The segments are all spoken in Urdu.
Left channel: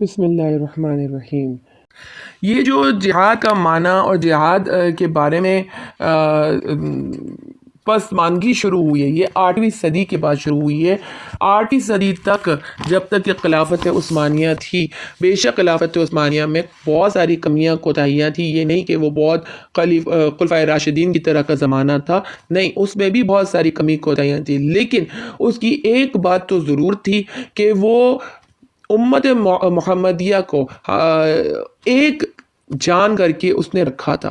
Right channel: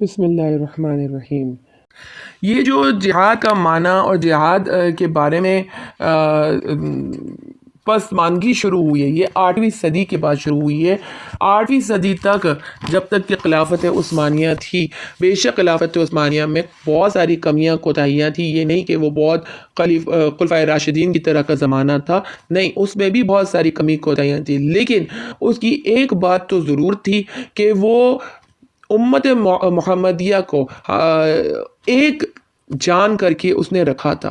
بسم اللہ الرحمن الرحیم۔ یہ جو جہاد کا معنی اور جہاد کے بارے میں پسماندگی شروع ہوئی ہے، یہ 8ویں صدی کے بعد شروع ہوئی ہے۔ 8ویں صدی تک جب تک کہ خلافت عثمانیہ تھی، بے شک خلافت عثمانیہ میں بہت ساری کمیاں کوتاہیاں تھیں، یہ نہیں کہ وہ بہت خلفائے راشدین کی طرح کا زمانہ تھا، نہیں، اس میں بھی بہت ساری کمی کوتاہیاں تھیں، لیکن اس کی ایک بات تو ضرور تھی کہ وہ امت محمدیہ کو ایک جان کر کے اس نے رکھا تھا۔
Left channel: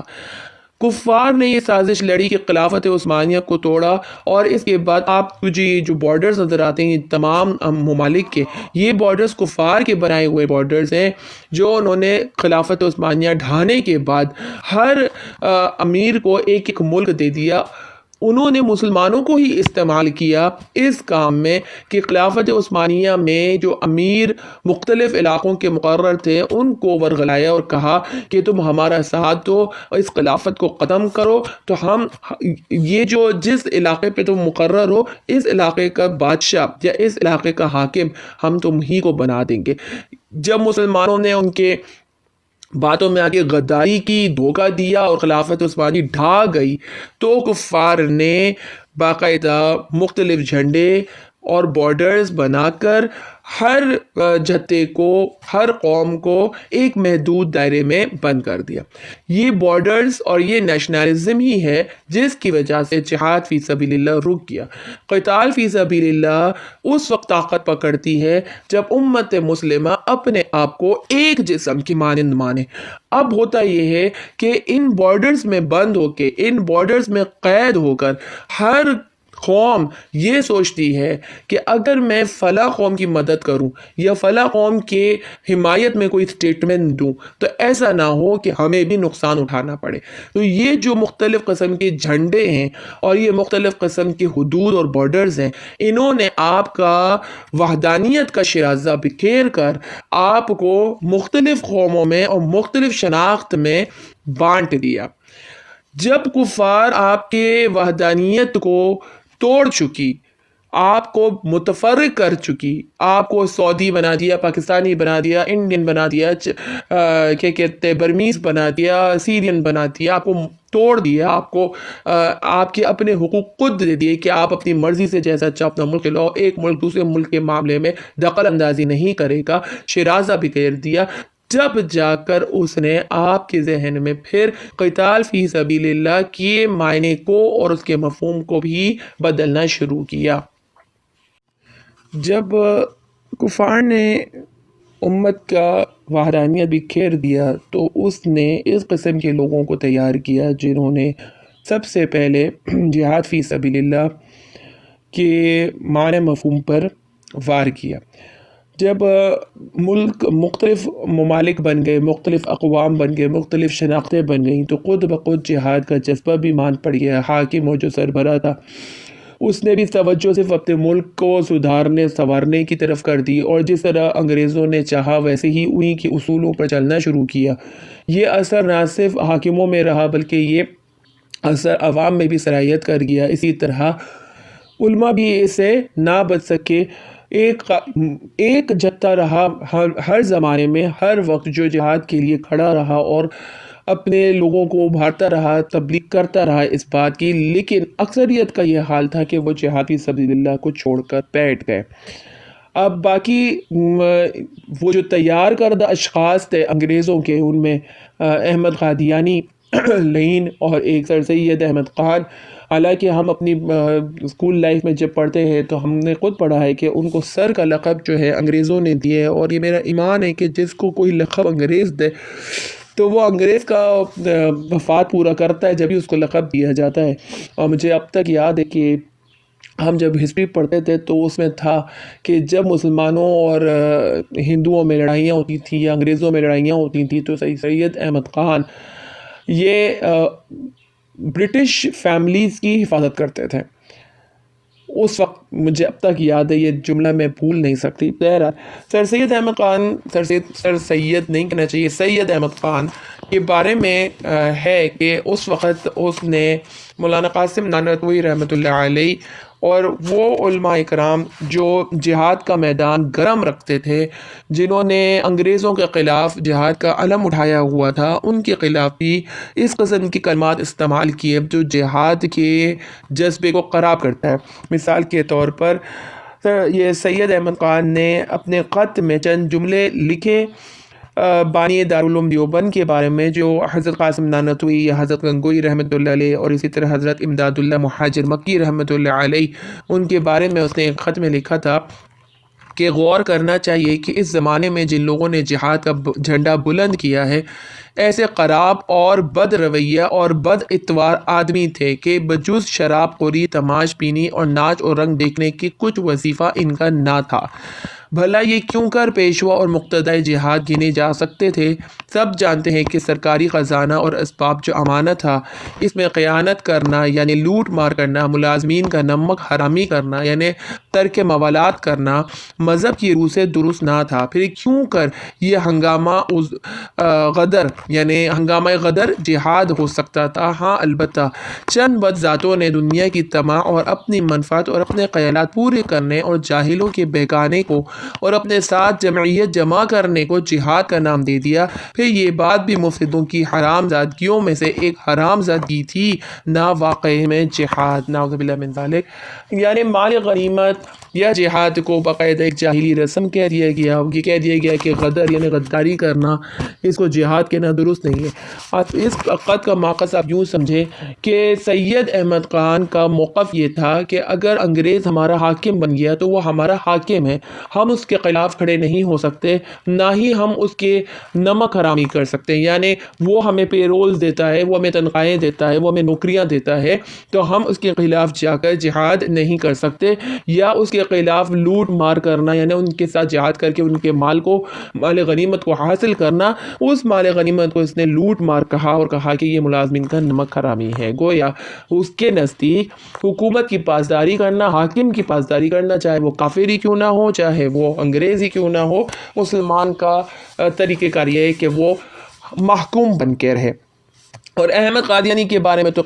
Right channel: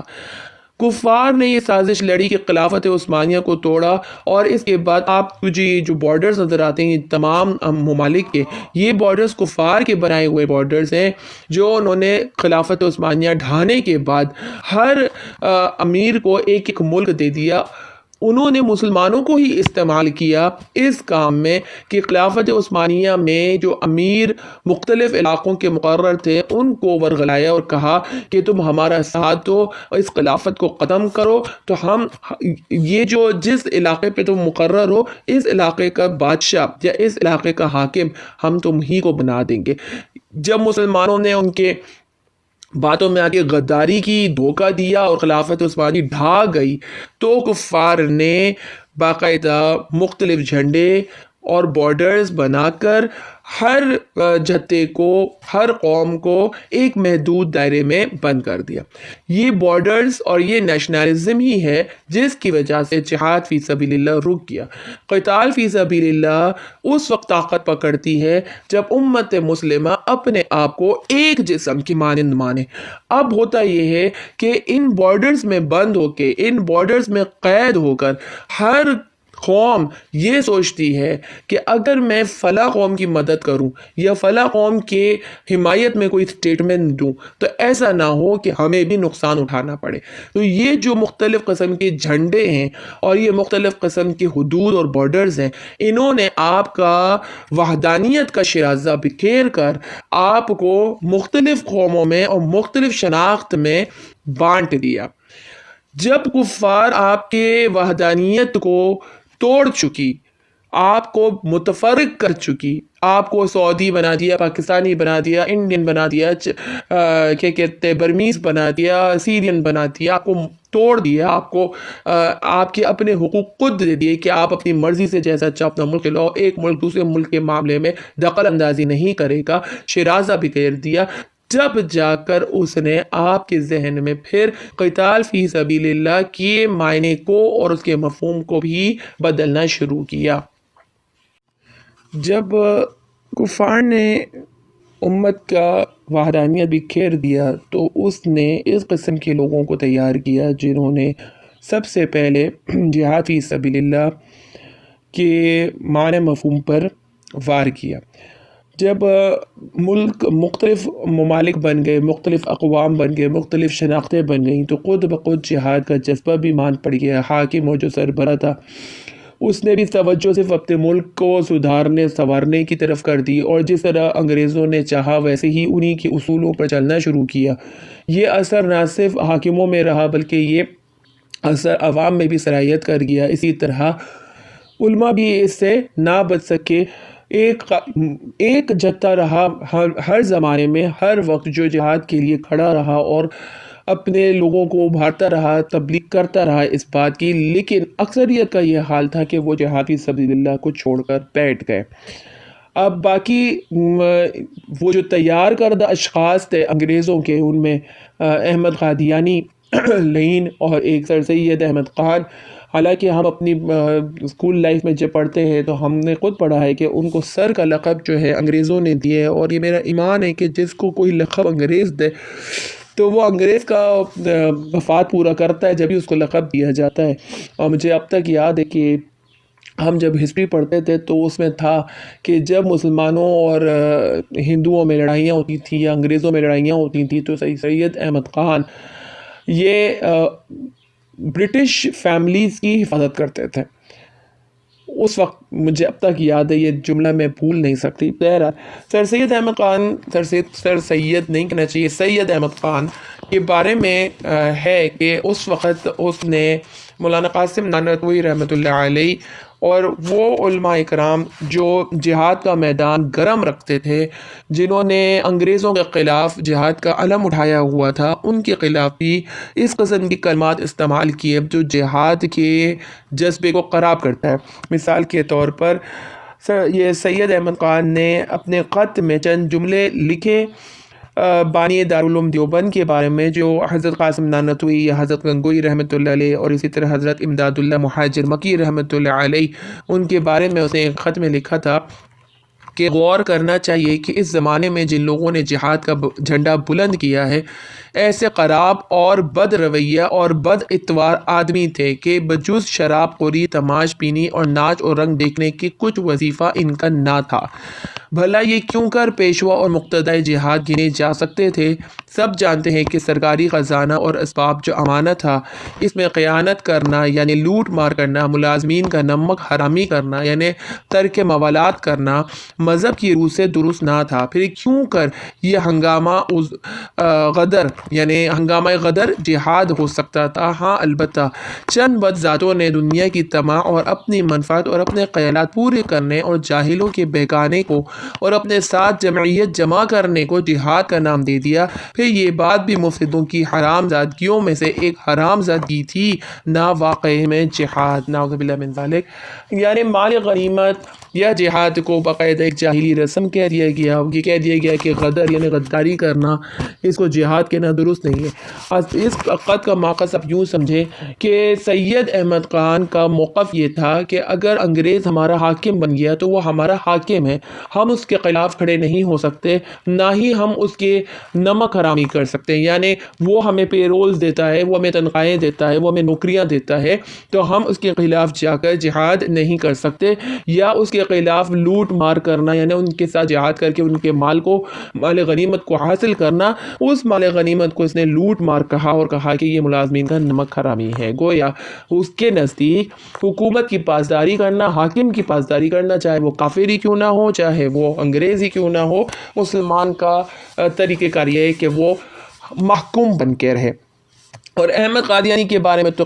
کفار نے یہ سازش لڑی کہ خلافت عثمانیہ کو توڑا، اور اس کے بعد آپ کو یہ جو بارڈرز نظر آتے ہیں تمام ممالک کے، یہ بارڈرز کفار کے بنائے ہوئے بارڈرز ہیں، جو انہوں نے خلافت عثمانیہ ڈھانے کے بعد ہر امیر کو ایک ایک ملک دے دیا۔ انہوں نے مسلمانوں کو ہی استعمال کیا اس کام میں کہ خلافت عثمانیہ میں جو امیر مختلف علاقوں کے مقرر تھے ان کو ورغلایا اور کہا کہ تم ہمارا ساتھ دو اور اس خلافت کو ختم کرو، تو ہم یہ جو جس علاقے پہ تم مقرر ہو، اس علاقے کا بادشاہ یا اس علاقے کا حاکم ہم تم ہی کو بنا دیں گے۔ جب مسلمانوں نے ان کے باتوں میں آگے غداری کی، دھوکہ دیا اور خلافت عثمانی ڈھا گئی، تو کفار نے باقاعدہ مختلف جھنڈے اور بارڈرز بنا کر ہر جتے کو، ہر قوم کو ایک محدود دائرے میں بند کر دیا۔ یہ بارڈرز اور یہ نیشنلزم ہی ہے جس کی وجہ سے جہاد فی سبیل اللہ رک گیا۔ قتال فی سبیل اللہ اس وقت طاقت پکڑتی ہے جب امت مسلمہ اپنے آپ کو ایک جسم کی مانند مانے۔ اب ہوتا یہ ہے کہ ان بارڈرز میں بند ہو کے، ان بارڈرز میں قید ہو کر ہر قوم یہ سوچتی ہے کہ اگر میں فلاں قوم کی مدد کروں یا فلاں قوم کے حمایت میں کوئی اسٹیٹمنٹ دوں تو ایسا نہ ہو کہ ہمیں بھی نقصان اٹھانا پڑے۔ تو یہ جو مختلف قسم کے جھنڈے ہیں اور یہ مختلف قسم کے حدود اور بارڈرز ہیں، انہوں نے آپ کا وحدانیت کا شیرازہ بکھیر کر آپ کو مختلف قوموں میں اور مختلف شناخت میں بانٹ دیا۔ جب کفار آپ کے وحدانیت کو توڑ چکی، آپ کو متفرق کر چکی، آپ کو سعودی بنا دیا، پاکستانی بنا دیا، انڈین بنا دیا، کیا کہتے برمیز بنا دیا، سیرین بنا دیا، آپ کو توڑ دیا، آپ کو آپ کے اپنے حقوق خود دے دیے کہ آپ اپنی مرضی سے جیسا چاہو اپنا ملک لاؤ، ایک ملک دوسرے ملک کے معاملے میں دخل اندازی نہیں کرے گا، شیرازہ بکھیر دیا، جب جا کر اس نے آپ کے ذہن میں پھر قتال فی سبیل اللہ کے معنی کو اور اس کے مفہوم کو بھی بدلنا شروع کیا۔ جب کفار نے امت کا وحدانیت بکھیر دیا تو اس نے اس قسم کے لوگوں کو تیار کیا جنہوں نے سب سے پہلے جہاد فی سبیل اللہ کے معنی مفہوم پر وار کیا۔ جب ملک مختلف ممالک بن گئے، مختلف اقوام بن گئے، مختلف شناختیں بن گئیں، تو خود بخود جہاد کا جذبہ بھی مان پڑ گیا۔ حاکم و جو سربراہ تھا اس نے بھی توجہ صرف اپنے ملک کو سدھارنے سنوارنے کی طرف کر دی، اور جس طرح انگریزوں نے چاہا ویسے ہی انہی کے اصولوں پر چلنا شروع کیا۔ یہ اثر نہ صرف حاکموں میں رہا بلکہ یہ اثر عوام میں بھی سرایت کر گیا۔ اسی طرح علماء بھی اس سے نہ بچ سکے۔ ایک جتھا رہا ہر زمانے میں، ہر وقت جو جہاد کے لیے کھڑا رہا اور اپنے لوگوں کو ابھارتا رہا، تبلیغ کرتا رہا اس بات کی، لیکن اکثریت کا یہ حال تھا کہ وہ جہاد فی سبیل اللہ کو چھوڑ کر بیٹھ گئے۔ اب باقی وہ جو تیار کردہ اشخاص تھے انگریزوں کے، ان میں احمد قادیانی لین اور ایک سر سید احمد خان، حالانکہ ہم اپنی اسکول لائف میں جب پڑھتے ہیں تو ہم نے خود پڑھا ہے کہ ان کو سر کا لقب جو ہے انگریزوں نے دیا ہے، اور یہ میرا ایمان ہے کہ جس کو کوئی لقب انگریز دے تو وہ انگریز کا مفاد پورا کرتا ہے جب ہی اس کو لقب دیا جاتا ہے۔ اور مجھے اب تک یاد ہے کہ ہم جب ہسٹری پڑھتے تھے تو اس میں تھا کہ جب مسلمانوں اور ہندوؤں میں لڑائیاں ہوتی تھیں یا انگریزوں میں لڑائیاں ہوتی تھیں تو سید احمد خان یہ برٹش فیملیز کی حفاظت کرتے تھے۔ اس وقت مجھے اب تک یاد ہے، یہ جملہ میں بھول نہیں سکتی۔ سر سید احمد خان، سر سید نہیں کہنا چاہیے، سید احمد خان کے بارے میں ہے کہ اس وقت اس نے مولانا قاسم نانوتوی رحمۃ اللہ علیہ اور وہ علماء کرام جو جہاد کا میدان گرم رکھتے تھے، جنہوں نے انگریزوں کے خلاف جہاد کا علم اٹھایا ہوا تھا، ان کے خلاف بھی اس قسم کی کلمات استعمال کیے جو جہاد کے جذبے کو خراب کرتے ہیں۔ مثال کے طور پر یہ سید احمد خان نے اپنے خط میں چند جملے لکھے بانی دارالعلوم دیوبند کے بارے میں، جو حضرت قاسم نانوتوی یا حضرت گنگوئی رحمۃ اللہ علیہ اور اسی طرح حضرت امداد اللہ مہاجر مکی رحمۃ اللہ علیہ، ان کے بارے میں اسے ایک خط میں لکھا تھا کہ غور کرنا چاہیے کہ اس زمانے میں جن لوگوں نے جہاد کا جھنڈا بلند کیا ہے، ایسے خراب اور بد رویہ اور بد اتوار آدمی تھے کہ بجز شراب خوری، تماش بینی اور ناچ اور رنگ دیکھنے کی کچھ وظیفہ ان کا نہ تھا۔ بھلا یہ کیوں کر پیشوا اور مقتدی جہاد گنے جا سکتے تھے؟ سب جانتے ہیں کہ سرکاری خزانہ اور اسباب جو امانت تھا، اس میں خیانت کرنا یعنی لوٹ مار کرنا، ملازمین کا نمک حرامی کرنا یعنی ترک موالات کرنا مذہب کی روح سے درست نہ تھا۔ پھر کیوں کر یہ ہنگامہ غدر یعنی ہنگامہ غدر جہاد ہو سکتا تھا؟ ہاں البتہ چند بد ذاتوں نے دنیا کی طمع اور اپنی منفعت اور اپنے خیالات پورے کرنے اور جاہلوں کے بہکانے کو اور اپنے ساتھ جمعیت جمع کرنے کو جہاد کا نام دے دیا۔ پھر یہ بات بھی مفسدوں کی حرام زادگیوں میں سے ایک حرام زادگی تھی، نہ واقعی میں جہاد، نعوذ باللہ من ذالک۔ یعنی مال غنیمت یا جہاد کو باقاعدہ ایک جاہلی رسم کہہ دیا گیا، یہ کہہ دیا گیا کہ غدر یعنی غداری کرنا، اس کو جہاد کہنا درست نہیں ہے۔ اس خط کا موقف آپ یوں سمجھیں کہ سید احمد خان کا موقف یہ تھا کہ اگر انگریز ہمارا حاکم بن گیا تو وہ ہمارا حاکم ہے، ہم اس کے خلاف کھڑے نہیں ہو سکتے، نہ ہی ہم اس کے نمک حرامی کر سکتے۔ یعنی وہ ہمیں پے رولز دیتا ہے، وہ ہمیں تنخواہیں دیتا ہے، وہ ہمیں نوکریاں دیتا ہے، تو ہم اس کے خلاف جا کر جہاد نہیں کر سکتے، یا اس کے خلاف لوٹ مار کرنا یعنی ان کے ساتھ جہاد کر کے ان کے مال غنیمت کو حاصل کرنا، اس مال غنیمت کو اس نے لوٹ مار کہا اور کہا کہ یہ ملازمین کا نمک حرامی ہے۔ گویا اس کے نزدیک حکومت کی پاسداری کرنا، حاکم کی پاسداری کرنا، چاہے وہ کافر ہی کیوں نہ ہو، چاہے وہ انگریز ہی کیوں نہ ہو، مسلمان کا طریقہ کار یہ ہے کہ وہ محکوم بن کے رہے۔ اور احمد قادیانی کے بارے میں تو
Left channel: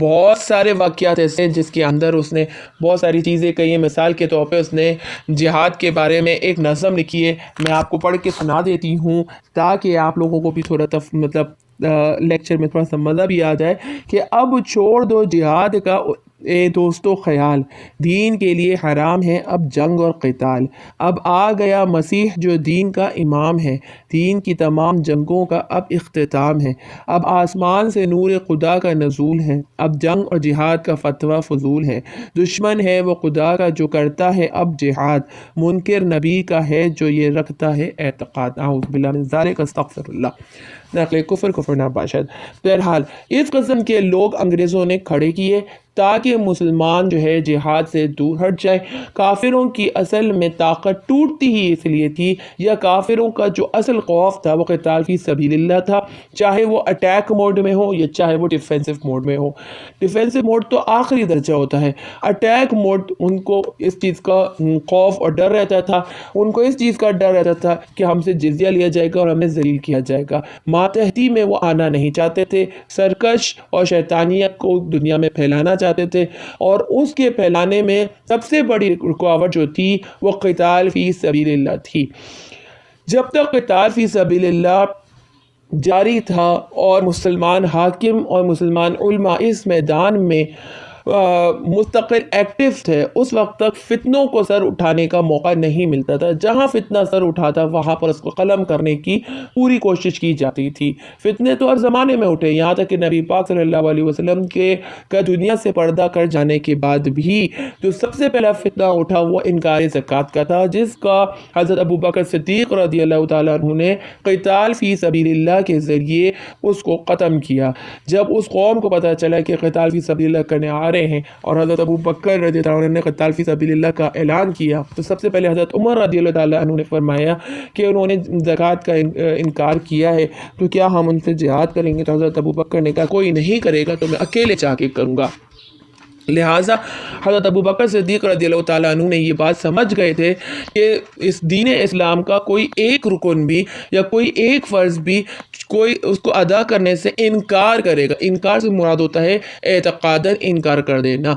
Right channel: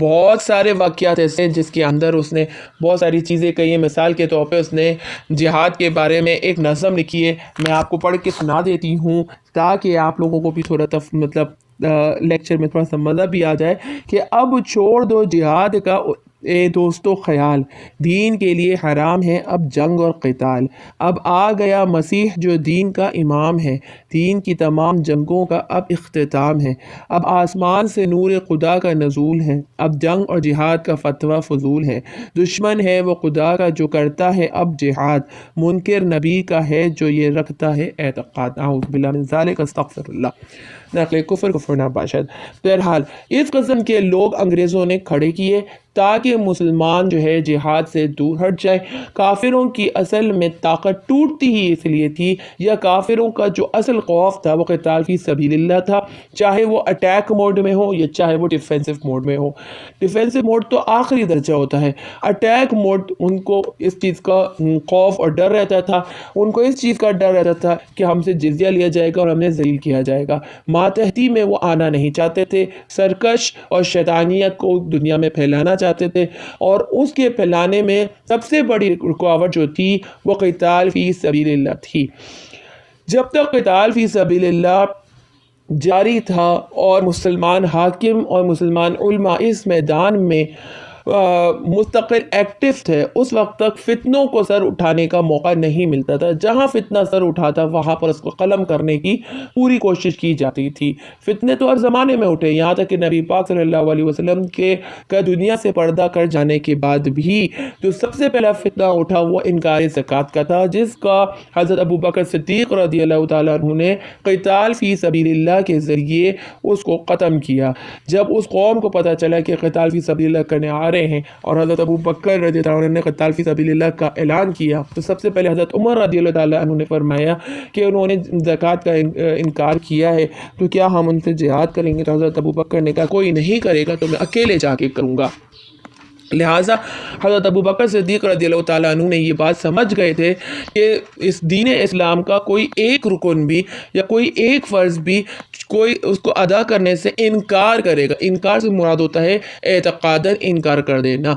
بہت سارے واقعات ایسے ہیں جس کے اندر اس نے بہت ساری چیزیں کہی ہیں۔ مثال کے طور پہ اس نے جہاد کے بارے میں ایک نظم لکھی ہے، میں آپ کو پڑھ کے سنا دیتی ہوں تاکہ آپ لوگوں کو بھی تھوڑا لیکچر میں تھوڑا سا مزہ بھی آ جائے کہ اب چھوڑ دو جہاد کا اے دوستو خیال، دین کے لیے حرام ہے اب جنگ اور قتال، اب آ گیا مسیح جو دین کا امام ہے، دین کی تمام جنگوں کا اب اختتام ہے، اب آسمان سے نور خدا کا نزول ہے، اب جنگ اور جہاد کا فتویٰ فضول ہے، دشمن ہے وہ خدا کا جو کرتا ہے اب جہاد، منکر نبی کا ہے جو یہ رکھتا ہے اعتقاد۔ اعوذ باللہ من ذالک، استغفر اللہ۔ نقل کفر ناباشد۔ بہرحال اس قسم کے لوگ انگریزوں نے کھڑے کیے تاکہ مسلمان جو ہے جہاد سے دور ہٹ جائے۔ کافروں کی اصل میں طاقت ٹوٹتی ہی اس لیے تھی، یا کافروں کا جو اصل خوف تھا وہ قتال فی سبیل اللہ تھا، چاہے وہ اٹیک موڈ میں ہو یا چاہے وہ ڈیفینسو موڈ میں ہو۔ ڈیفینسو موڈ تو آخری درجہ ہوتا ہے، اٹیک موڈ ان کو اس چیز کا خوف اور ڈر رہتا تھا، ان کو اس چیز کا ڈر رہتا تھا کہ ہم سے جزیہ لیا جائے گا اور ہمیں ذلیل کیا جائے گا۔ ماتحتی میں وہ آنا نہیں چاہتے تھے، سرکش اور شیطانیت کو دنیا میں پھیلانا چاہتے تھے، اور اس کے پھیلانے میں سب سے بڑی رکاوٹ جو تھی وہ قتال فی سبیل اللہ تھی۔ جب تک قتال فی سبیل اللہ جاری تھا اور مسلمان حاکم اور مسلمان علماء اس میدان میں مستقل ایکٹیو تھے، اس وقت تک فتنوں کو سر اٹھانے کا موقع نہیں ملتا تھا۔ جہاں فتنہ سر اٹھاتا وہاں پر اس کو قلم کرنے کی پوری کوشش کی جاتی تھی۔ فتنے تو ہر زمانے میں اٹھے، یہاں تک کہ نبی پاک صلی اللہ علیہ وسلم کا دنیا سے پردہ کر جانے کے بعد بھی جو سب سے پہلا فتنہ اٹھا وہ انکار زکوٰۃ کا تھا، جس کا حضرت ابوبکر صدیق رضی اللہ تعالیٰ عنہ نے قتال فی سبیل اللہ کے ذریعے اس کو ختم کیا۔ جب اس قوم کو پتہ چلا کہ قتال فی سبیل اللہ کرنے آ رہے ہیں اور حضرت ابوبکر رضی اللہ عنہ نے قتال فی سبیل اللہ کا اعلان کیا، تو سب سے پہلے حضرت عمر رضی اللہ تعالیٰ عنہ نے فرمایا کہ انہوں نے زکوٰۃ کا انکار کیا ہے تو کیا ہم ان سے جہاد کریں گے؟ تو حضرت ابوبکر نے کہا کوئی نہیں کرے گا تو میں اکیلے جا کے کروں گا۔ لہٰذا حضرت ابوبکر صدیق رضی اللہ تعالیٰ عنہ نے یہ بات سمجھ گئے تھے کہ اس دین اسلام کا کوئی ایک رکن بھی یا کوئی ایک فرض بھی کوئی اس کو ادا کرنے سے انکار کرے گا۔ انکار سے مراد ہوتا ہے اعتقاداً انکار کر دینا۔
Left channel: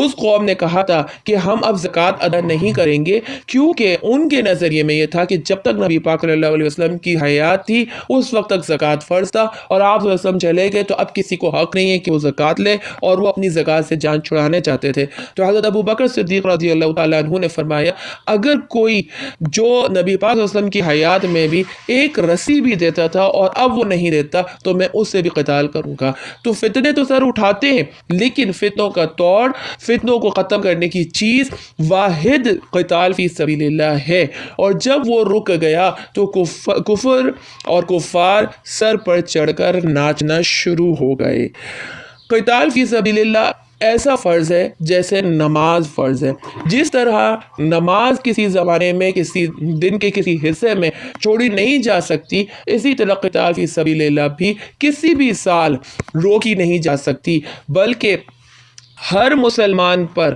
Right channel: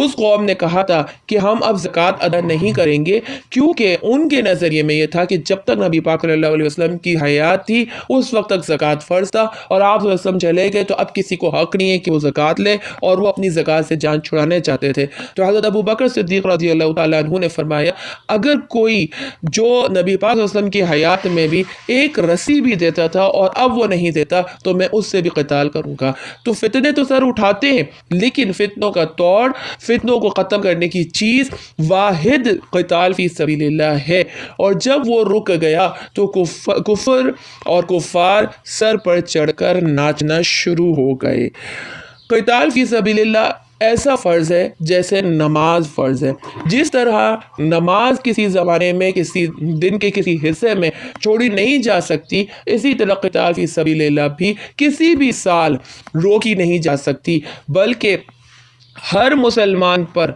اس قوم نے کہا تھا کہ ہم اب زکوٰۃ ادا نہیں کریں گے، کیونکہ ان کے نظریے میں یہ تھا کہ جب تک نبی پاک صلی اللہ علیہ وسلم کی حیات تھی اس وقت تک زکوٰۃ فرض تھا، اور آپ صلی اللہ علیہ وسلم چلے گئے تو اب کسی کو حق نہیں ہے کہ وہ زکوٰۃ لے، اور وہ اپنی زکوٰۃ سے جان چھڑانے چاہتے تھے۔ تو حضرت ابو بکر صدیق رضی اللہ تعالیٰ عنہ نے فرمایا اگر کوئی جو نبی پاک صلی اللہ علیہ وسلم کی حیات میں بھی ایک رسی بھی دیتا تھا اور اب وہ نہیں دیتا تو میں اس سے بھی قتال کروں گا۔ تو فتنے تو سر اٹھاتے ہیں، لیکن فتنوں کا توڑ، فتنوں کو ختم کرنے کی چیز واحد قتال فی سبیل اللہ ہے، اور جب وہ رک گیا تو کفر اور کفار سر پر چڑھ کر ناچنا شروع ہو گئے۔ قتال فی سبیل اللہ ایسا فرض ہے جیسے نماز فرض ہے۔ جس طرح نماز کسی زمانے میں کسی دن کے کسی حصے میں چھوڑی نہیں جا سکتی، اسی طرح قتال فی سبیل اللہ بھی کسی بھی سال روکی نہیں جا سکتی، بلکہ ہر مسلمان پر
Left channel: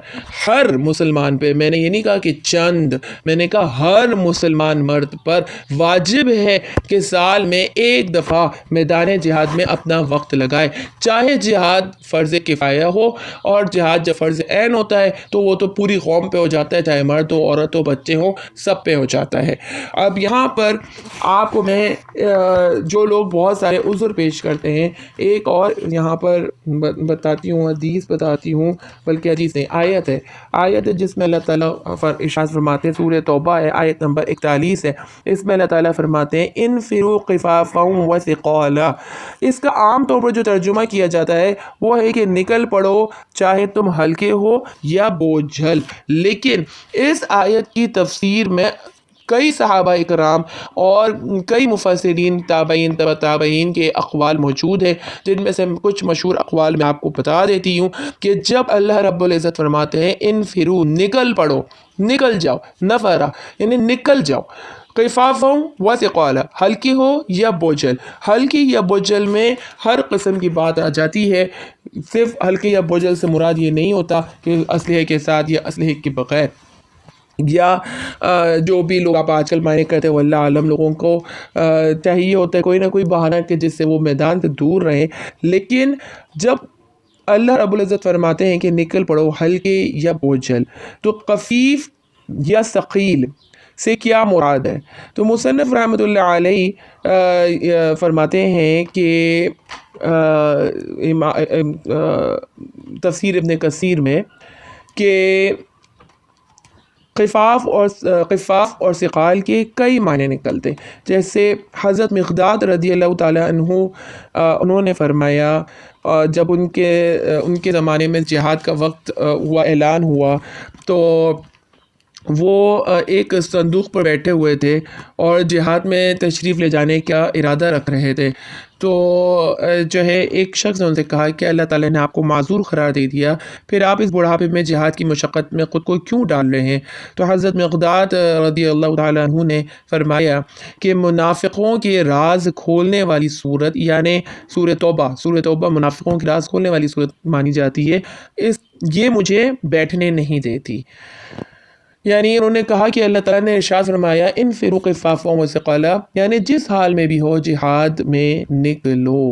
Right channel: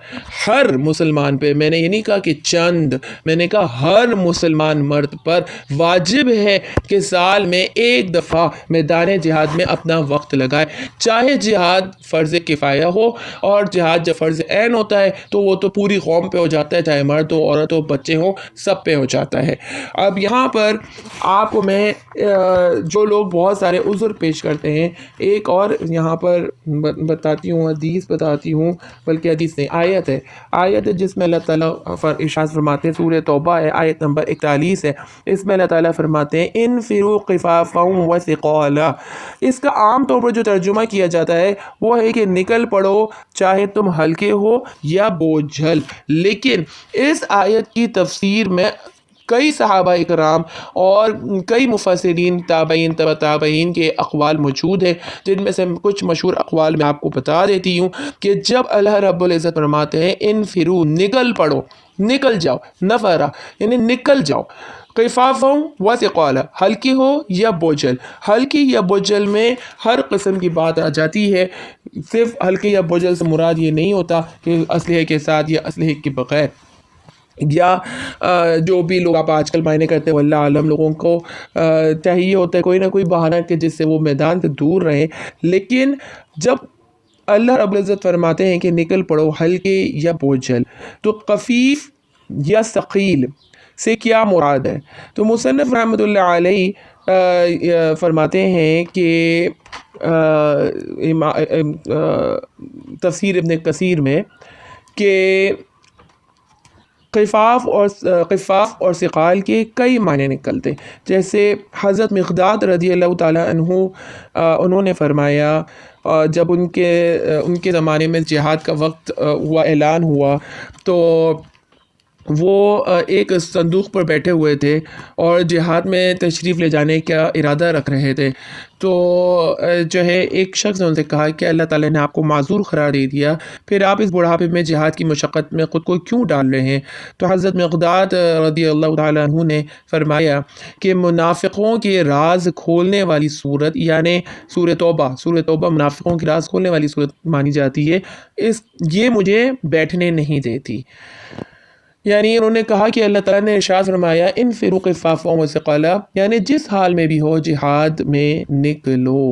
میں نے یہ نہیں کہا کہ چند، میں نے کہا ہر مسلمان مرد پر واجب ہے کہ سال میں ایک دفعہ میدان جہاد میں اپنا وقت لگائے، چاہے جہاد فرض کفایہ ہو، اور جہاد جب فرض عین ہوتا ہے تو وہ تو پوری قوم پہ ہو جاتا ہے، چاہے مرد ہو، عورت ہو، بچے ہوں، سب پہ ہو جاتا ہے۔ اب یہاں پر آپ کو میں جو لوگ بہت سارے عذر پیش کرتے ہیں، ایک اور یہاں پر بتاتی ہوں، حدیث بتاتی ہوں، بلکہ حدیث نہیں، آیت ہے جس میں اللہ تعالیٰ ارشاد فرماتے ہیں، سورہ توبہ ہے، آیت نمبر 41 ہے، اس میں اللہ تعالیٰ فرماتے ہیں انفروا خفافا وثقالا۔ اس کا عام طور پر جو ترجمہ کیا جاتا ہے وہ ہے کہ نکل پڑو چاہے تم ہلکے ہو یا بوجھل، لیکن اس آیت کی تفسیر میں کئی صحابہ اکرام اور کئی مفسرین، تابعین، تبع تابعین کے اقوال موجود ہیں، جن میں سے کچھ مشہور اقوال میں آپ کو بتا دیتی ہوں کہ جب اللہ رب العزت فرماتے ہیں انفرو، نکل پڑو، نکل جاؤ، نفرا یعنی نکل جاؤ، خفافا وثقالا، ہلکی ہو یا بوجھل، ہلکی یا بوجھل میں ہر قسم کی بات آ جاتی ہے، صرف ہلکی یا بوجھل سے مراد یہ نہیں ہوتا کہ اسلحے کے ساتھ یا اسلحے کے بغیر، یا جو بھی لوگ آپ آج کل معنی کرتے ہیں، واللہ عالم لوگوں کو چاہیے ہوتا ہے کوئی نہ کوئی بہانہ کہ جس سے وہ میدان سے دور رہیں، لیکن جب اللہ رب العزت فرماتے ہیں کہ نکل پڑو ہلکے یا بوجھل، تو خفیف یا ثقیل سے کیا مراد ہے؟ تو مصنف رحمۃ اللہ علیہ فرماتے ہیں کہ تفسیر ابن کثیر میں کہ خفاف اور ثقال کے کئی معنی نکلتے، جیسے حضرت مقداد رضی اللہ تعالیٰ عنہ انہوں نے فرمایا جب ان کے زمانے میں جہاد کا وقت ہوا، اعلان ہوا، تو وہ ایک صندوق پر بیٹھے ہوئے تھے اور جہاد میں تشریف لے جانے کا ارادہ رکھ رہے تھے، تو جو ہے ایک شخص نے ان سے کہا کہ اللہ تعالیٰ نے آپ کو معذور قرار دے دیا، پھر آپ اس بڑھاپے میں جہاد کی مشقت میں خود کو کیوں ڈال رہے ہیں؟ تو حضرت مقداد رضی اللہ تعالیٰ عنہ نے فرمایا کہ منافقوں کے راز کھولنے والی صورت، یعنی سورہ توبہ منافقوں کے راز کھولنے والی صورت مانی جاتی ہے، یہ مجھے بیٹھنے نہیں دیتی۔ یعنی انہوں نے کہا کہ اللہ تعالیٰ نے ارشاد فرمایا انفروا خفافا وثقالا، یعنی جس حال میں بھی ہو جہاد میں نکلو،